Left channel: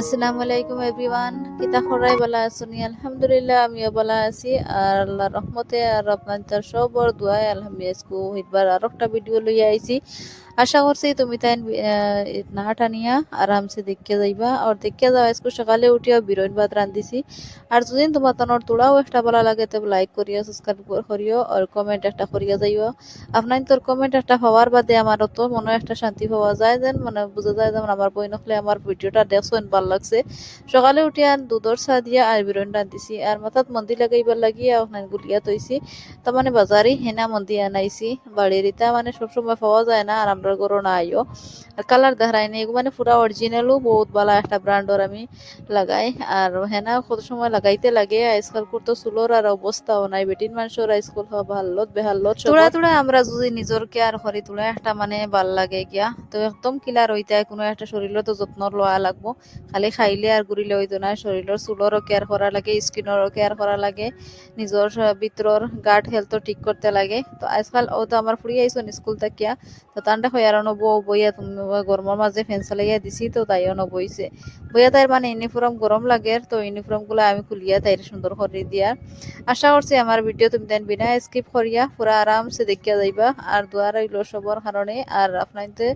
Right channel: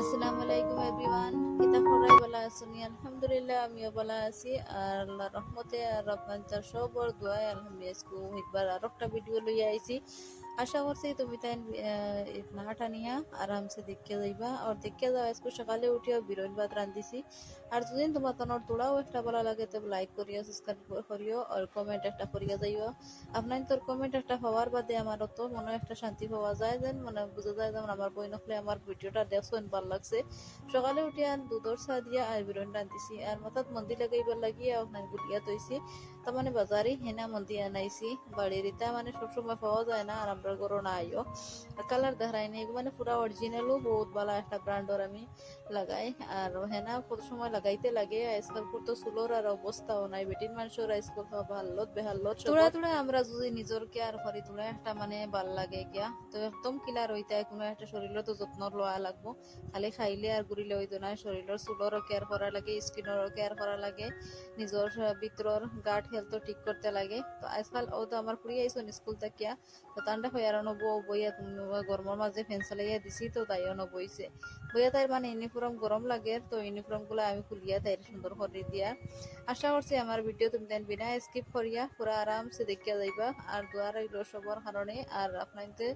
আসসালামু আলাইকুম এভরিওয়ান, কিতা খরাই বালা আসুনি? আলহামদুলিল্লাহ আমিও বালা আছি। আর আল্লাহর রহমতে আর আপনাদের সবর দোয়ায় আলহামদুলিল্লাহ হিটবার আর একটা ভিডিও লইয়া আইছি। আশা করছি তুমি তাই না টানিয়া আরামসে দেখে যাইবা। আর দেখে যাওয়া আজকে সকালে উঠিয়া বিরইন ভাত রান্ধিছি। আর যদি তোমার তনর তোড়াও একটা ভালো লাগে তবে লাইক করিও, সাবস্ক্রাইব করিও আর কমেন্ট একটা করিয়া যাইও। আপনার তোর কমেন্ট একটা পাওয়ার বাদে আমার তো মনে একটা শান্তি পাওয়া যায়, যেন মানে বোঝা যায় যেমন আমার বই নখলে আমার ভিডিওটা দেখছেন ভাল লাগছে। সকালে উঠিয়া দুধর চা দিয়া আর বিরন রান্ধিছি আর মাথাত মন্দি লাগাইবার লাগিয়া ওখানে গুলিয়া তৈছি। তার মানে বাজারে হেনা মন্দি আনাইছি। বাড়ির ইটা মানে সবসময় পাওয়া যায় না আর আমরা গরো না আইও। আর কালার দেখাই নাই, মানে পুরা অরিজিনালও বহুত ভালো একটা ব্র্যান্ডর আমি লাগাই। আর হেনা কত সময় লাগাইতে লাগে, আজকাল করতো চুলোর আর অবস্থাও নাই। বেটিন মানুষের আজকাল ভাল্লত বেহাল্লত তোড়া তোড়া আমরা যদি নিজের কেয়ার করি তোলা একটা মানে ভাল লাগে গিয়া। তো একদম কিলার হইতে কোনো একটা শরীরের তো যত্ন লওয়া লাগবো। খালি খাইলে আর ঘুরিলে হইতো না, শরীরের চুলরও কেয়ার করা লাগে, স্কিনেরও কেয়ার করা লাগে, নিজের ভিতরের গার্ড হেলথও ঠিক করতে লাগে। তো আজকাল ও তো আমার ফুড়ি আইসন স্কুল থাকিয়া, তো তান্ডা হইয়ারও বইয়া তুমি গরমের মাঝে ফ্যান চালাইয়া দিছি, তো তাইও বইছে বইয়া। তাইর মানে ইউনিফর্ম গরম লাগে, তো ইউনিফর্ম গুলো আমি খুলিয়া তাইর সুন্দর করে দিয়া। আশা করছি আমার ভিডিও তুমি দেন বিনা স্কিপ করিয়া পুরা আরামসে দেখিয়া যাইবা। আর দোয়া রইল সবার কারণে। আর আপনাদের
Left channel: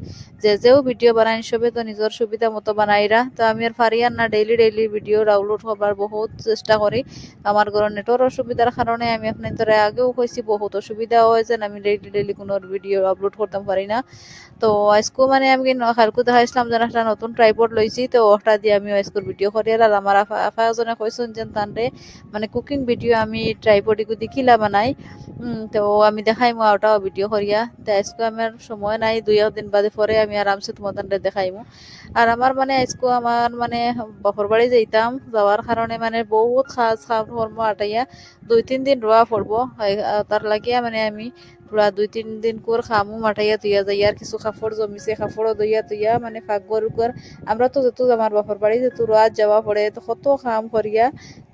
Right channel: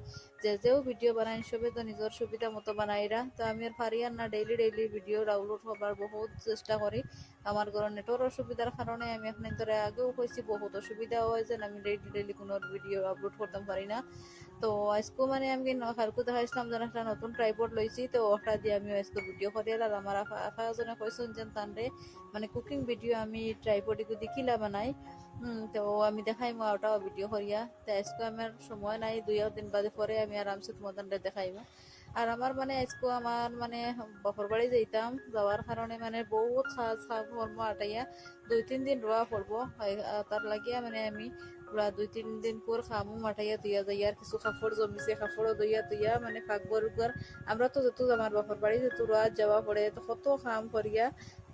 যেও ভিডিও বানাই সবে তো নিজের সুবিধা মতো বানাইরা। তো আমি আর পারি আর না ডেইলি ডেইলি ভিডিও ডাউনলোড হবার বহুত চেষ্টা করি। আমার ঘর নেটওয়ার্ক অসুবিধার কারণে আমি আপনাদের আগেও কইছি বহুত অসুবিধা হয় যে আমি ডেইলি ডেইলি কোনো ভিডিও আপলোড করতে পারি না। তো আজকেও মানে আমি কালকে দেখাইছিলাম যেন একটা নতুন ট্রাইপড লইছি, তো ওটা দিয়ে আমি আজকের ভিডিও করি। আর আমার আফা এজনে কইছেন যে তানরে মানে কুকিং ভিডিও আমি ট্রাইপড দেখিলা বানাই। তো আমি দেখাইমু ওটাও ভিডিও করিয়া। তো আজকে আমার সময় নাই, 2 দিন বাদে পরে আমি আরামসে তোমাদের দেখাইমু। আর আমার মানে আজকে আমার মানে বাপর বাড়ি যাইতাম, যাওয়ার কারণে মানে বহুত খাস কর্ম আটাইয়া 2-3 দিন রোয়া পড়বো। তার লাগিয়া মানে আমি পুরা 2-3 দিন কর খামু মাঠাইয়া তুইয়া যাই। আর কিছু কাপড় জমিছে, কাপড়ও দইয়া তুইয়া মানে ফাঁকর উপর আমরা তো যত আমার বাপর বাড়ি যত রোয়াজ যাওয়া পড়ে তো কত কাম করিয়া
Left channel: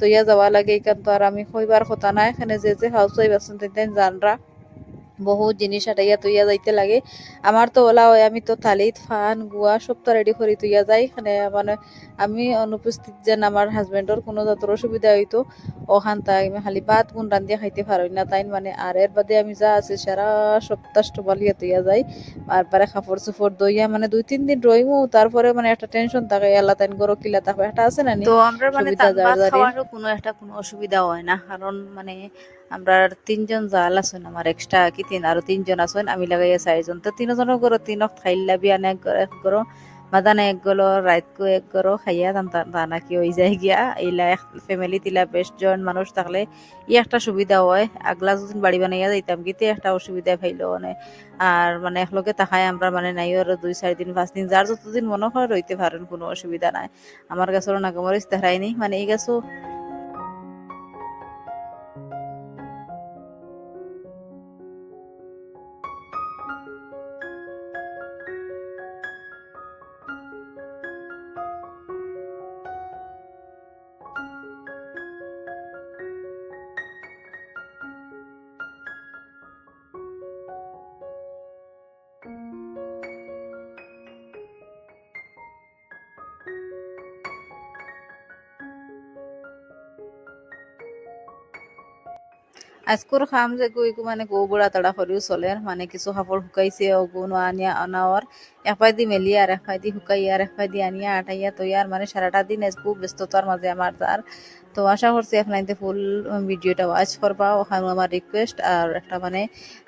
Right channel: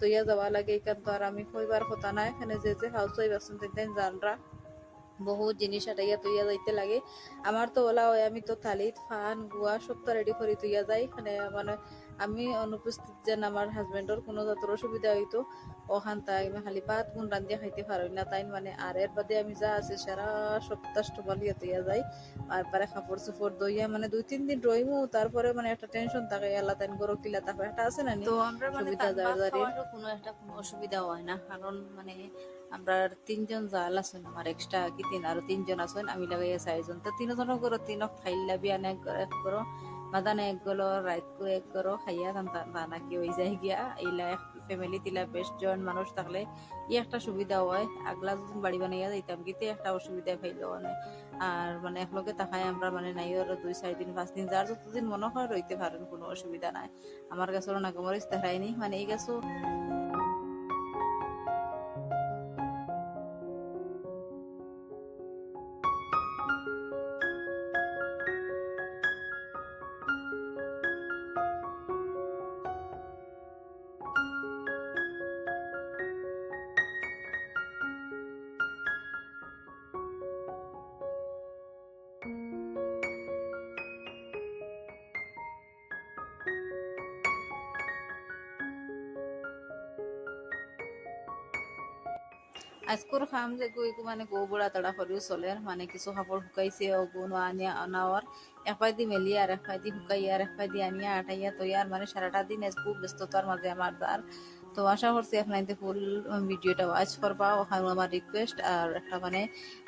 তৈয়া যাওয়া লাগে। এখান তো আর আমি কইবার কথা নাই, এখানে যে হাউস ওয়াইফ আছেন তেন জানরা বহুত জিনিস আটাইয়া তুইয়া যাইতে লাগে। আমার তো ওলা হয়, আমি তো থালিত ফান গুয়া সব তো রেডি করি তুইয়া যাই। এখানে মানে আমি অনুপস্থিত যেন আমার হাজবেন্ডর কোনো যতর অসুবিধা হইতো ওখান তাই আমি খালি ভাত গুণ রান্ধিয়া খাইতে পারই না তাই মানে। আর এর বাদে আমি যা আছে সারা সপ্তাহ বালিয়া তুইয়া যাই। তারপরে কাপড় চোপড় দইয়া মানে 2-3 দিন রইমু, তারপরে মানে একটা টেনশন থাকে আল্লাহ তাইন গরো কিলা তারপর একটা আছে না তো আমরা মানে সুবিধা তান যার ভাত যারে খাওয়ারও কোনো অসুবিধা হয় না, কারণ মানে আমরা 3 জন জাল আছেন আমার এক্সট্রা কি আরো 3 জন আছেন, আমি লাগাইয়া 4 জন। তো 3 জনের গরো 3 খাইলা বিয়ান এক গরো মাদানে এক গলো রাতকো এক গরো খাইয়া দানা কি হয়ে যায় গিয়া। এইলা ফ্যামিলি তিলা বেশ জন মানুষ থাকলে ই একটা সুবিধা হয়। আগলা যদি বাড়ি বানাইয়া যাইতাম গিতে একটা অসুবিধা ফাইল মানে। আর মানে একলগে তাকায় আমরা মানে নাই আর 2-4 দিন 5 দিন যার যতদিন মনে হয় রইতে পারেন, কোনো অসুবিধা নাই। আমার কাছে নাগামরিচ দেখায়নি মানে এই গাছও আজকের খাম যে মানে গো বুড়া তাড়া করিও চলে। মানে কিছু কাপড় শুকাইছে ওগুন আনিয়া আনাওয়ার এক পাইদি মেলিয়া আর এক পাইদি শুকাইয়া আর এক পাইদি আনিয়া আটাইয়া তৈয়ার মানে সারাটা দিন আজকে ব্যস্ততার মাঝে আমার তার। তো আশা করছি আপনাদের ফুল ভিডিওটা ওয়াচ করবা, ওখানে আমার রিকোয়েস্ট আর একটা মানে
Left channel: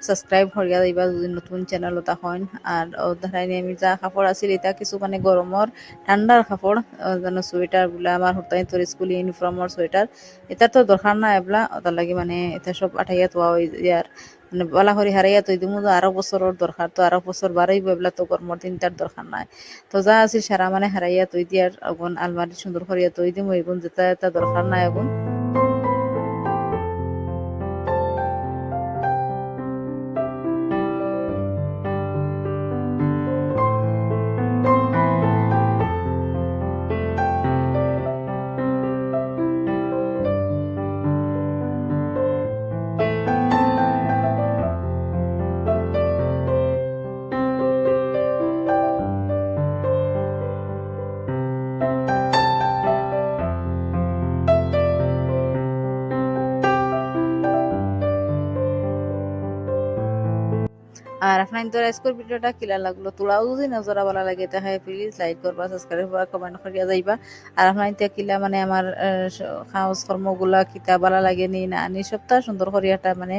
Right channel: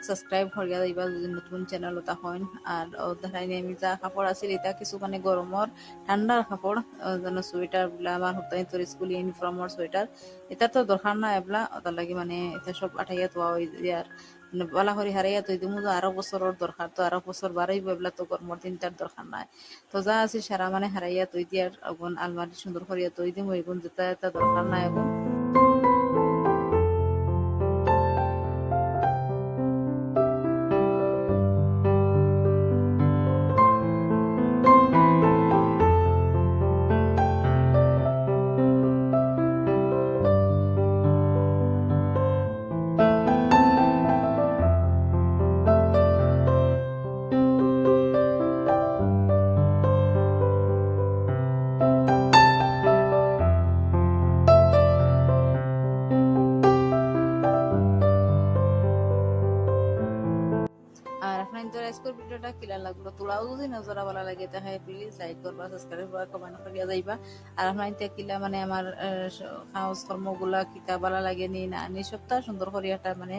সাবস্ক্রাইব করিয়া দিবা যদি নতুন চ্যানেল ওটা হন। আর ওধারাইনি আমি যা কাপড় আছিল এটা কিছু মানে গরমর ঠান্ডার কাপড়, যেন সোয়েটার গুলা আমার হতাই তোর স্কুল ইউনিফর্মর সোয়েটার এটা তো দরকার না এবলা, ওটার লাগি মানে এটা সব আঠাইয়া তোয়া ওই ইয়ার মানে বলা করি হারাইয়া তৈ দিমু আরো বছরের দরকার, তো আরো বছর বাড়াইব এবলা তো গরমর দিনটার দরকার নাই। তো যা আছিল সারা মানে হারাইয়া তৈ দিয়ার আগুন আলমারি সুন্দর করিয়া তৈ দিমু এগুন যেটা এটা দরকার নাই আগুন। তো আজকের ভিডিওটা কিলা লাগলো তোলাও যদি নজরা ভালো লাগে তাহলে প্লিজ লাইক করবা সাবস্ক্রাইব করবা কমেন্ট করিয়া যাইবা আর আপনার কিলা মানে আমার কাজ কর্মগুলা কিতা ভালো লাগে নি না নি সপ্তাহ সুন্দর করিয়াটা মানে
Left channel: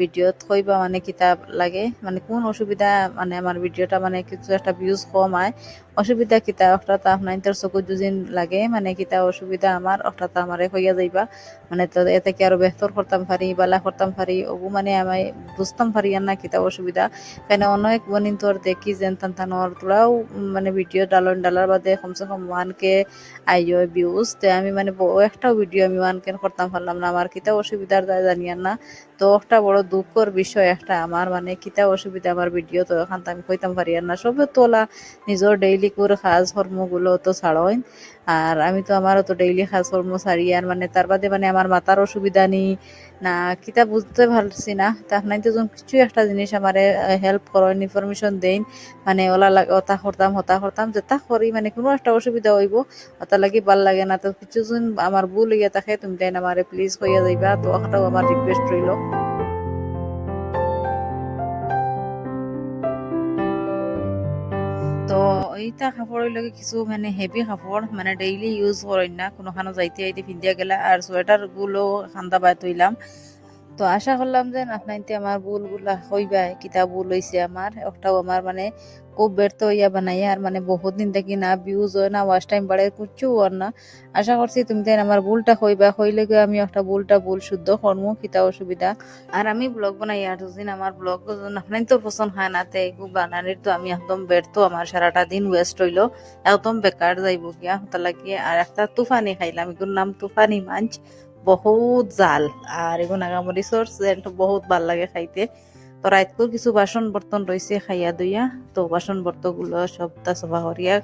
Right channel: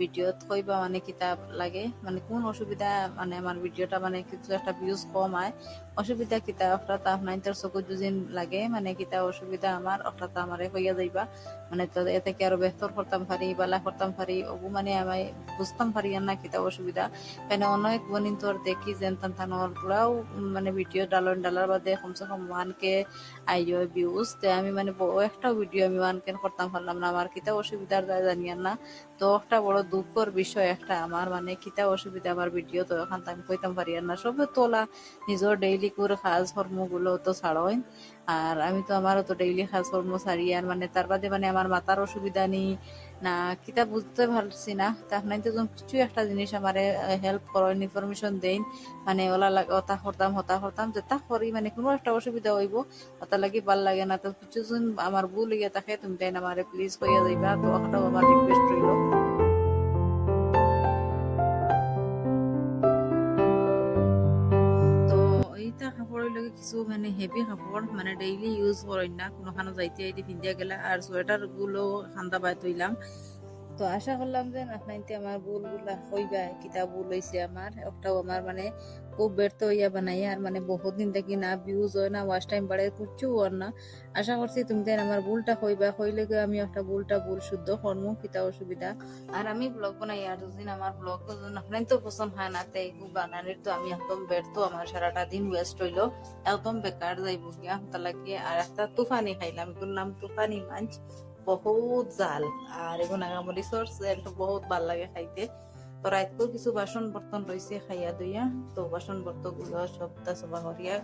ভিডিওত কইবা মানে কিতাব লাগে মানে কোন অসুবিধা মানে আমার ভিডিওটা মানে কিছু একটা ভিউজ কম আয় অসুবিধা কিতা একটা আপনার চকুর দুদিন লাগে মানে কিতা অসুবিধা আমার একটা আমারে হইয়া যাইবা মানে তো এতে কি আরো বেহতর করতাম পারি বালা করতাম পারি ওগু মানে আমি বুঝতাম পারি আর না কিতা অসুবিধা কেন অনেক বনিন তোর দেখি যেন তানতানোর তোরাও মানে ভিডিও ডালার বাদে কমসে কম 1K আইও ভিউজ তে আমি মানে একটা ভিডিও আমি 1K করতাম পারলাম না আমার কিতা অসুবিধার জানিয়ার না তো একটা বড় দুঃখর বিষয় একটা আমার মানে কিতা অসুবিধা আমার ভিডিও তো এখন তো আমি কইতাম পারি আর না সবে তোলা নিজের ডেইলি করে কাজ কর্মগুলো তো ছাড়ই আর আমি তো আমারও তো ডেইলি কাজকর্ম সারি আর মানে তার বাদে মানে আমার মাথার অসুবিধা নেই না কিতা বুঝতে পারছি না তা আপনার তো কিছু একটা জিনিস আমারে হেল্প করেন ইনফরমেশন দেন মানে ওলা ওটা করতাম হতা করতাম যেটা করি মানে কোনো একটা অসুবিধা হইব ওটা লাগি ভাল লাগে না তো কিছু জন আমার ভুল হইয়া থাকে তুমি তাই আমারে প্লিজ কইয়া যাইবা তো ওটাও আমার রিকোয়েস্ট রইল তো এইটা কাপড়ের লগে কিছু মানে হেভি কাপড় মানে ডেইলি ইউজ করেন না কোনোখানে যাইতে আইতে পিন্দিয়া গেলা আর সোয়েটার গুলো খান্দা বাই তৈলাম তো আশা করলাম যে আপনাইতে আমার ভুলগুলা হইবাই কিতা ভুল হইছে আমার একটাও আমার মানে খুব ব্যর্থ হইয়া বানাই আর মানে বহুত দিন থেকে না ভিউজ হয় না ওয়াচ টাইম বাড়ে কুচ্ছু আর না আশা করছি তুমি তাই আমার ভুলটা হইবা হইলে গিয়ে আমি একটা ভুল শুদ্ধ করবো কিতা অসুবিধা আর আমি ব্লগ বানাই আর দুদিন আমার ব্লগ আপনার তো পছন্দ হয় না তে এগুলো বানানির তো আমি একদম ব্যর্থ আমার সারাটা দিন ওয়েস্ট হইলো একদম বেকার যাইব গিয়া তাহলে আর একটা তুফানি খাইলাম এগুলোর নাম তুফানি মাছ বহুত জাল আর এগুলো নাগামরিচর সেন্ট বহুত ভাল লাগে খাইতে তো রাতকো কিছু বাসন বর্তন রয়েছে খাইয়া দইয়া তো বাসন বর্তন গুলো সবটা সফা করিয়া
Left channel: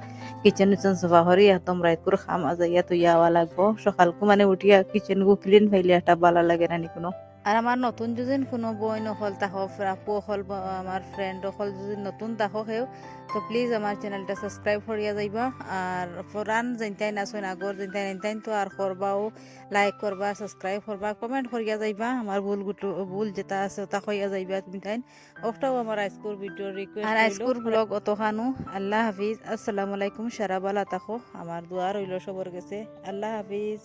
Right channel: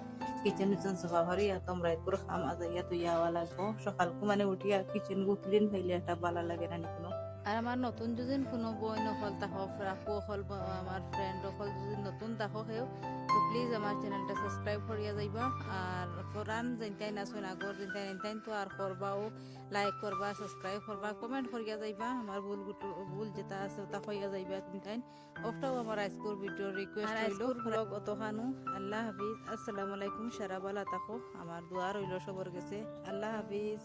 কিচেন উচেন সফা করি একদম রাতকুর খামা যাইয়া তৈয়া আওয়া লাগবো সকালকু মানে উঠিয়া কিচেন গু ক্লিন ফাইলে একটা ভালো লাগে না কোনো আর আমার নতুন যদি কোনো বই নকল তাহ আপু অকল আমার ফ্রেন্ড অকল যদি নতুন তাহ সেও তো প্লিজ আমার চ্যানেলটা সাবস্ক্রাইব করিয়া যাইবা আর ফরান যেনটাই নাচুন আগর যেনটাই নেনটাইন তো আর করবাও লাইক করবা সাবস্ক্রাইব করবা কমেন্ট করিয়া যাইবা আমার ভুল যেটা আছে ওটা কইয়া যাইবা তুমি তাই ওটাও আমার আজকের ভিডিও রিকোয়েস্ট আর আজকের ব্লগ অতখানো আল্লাহ হাফিজ আসসালামু আলাইকুম সারা বালা তাকো আমার দোয়া রইল সবার কাছে আল্লাহ হাফিজ।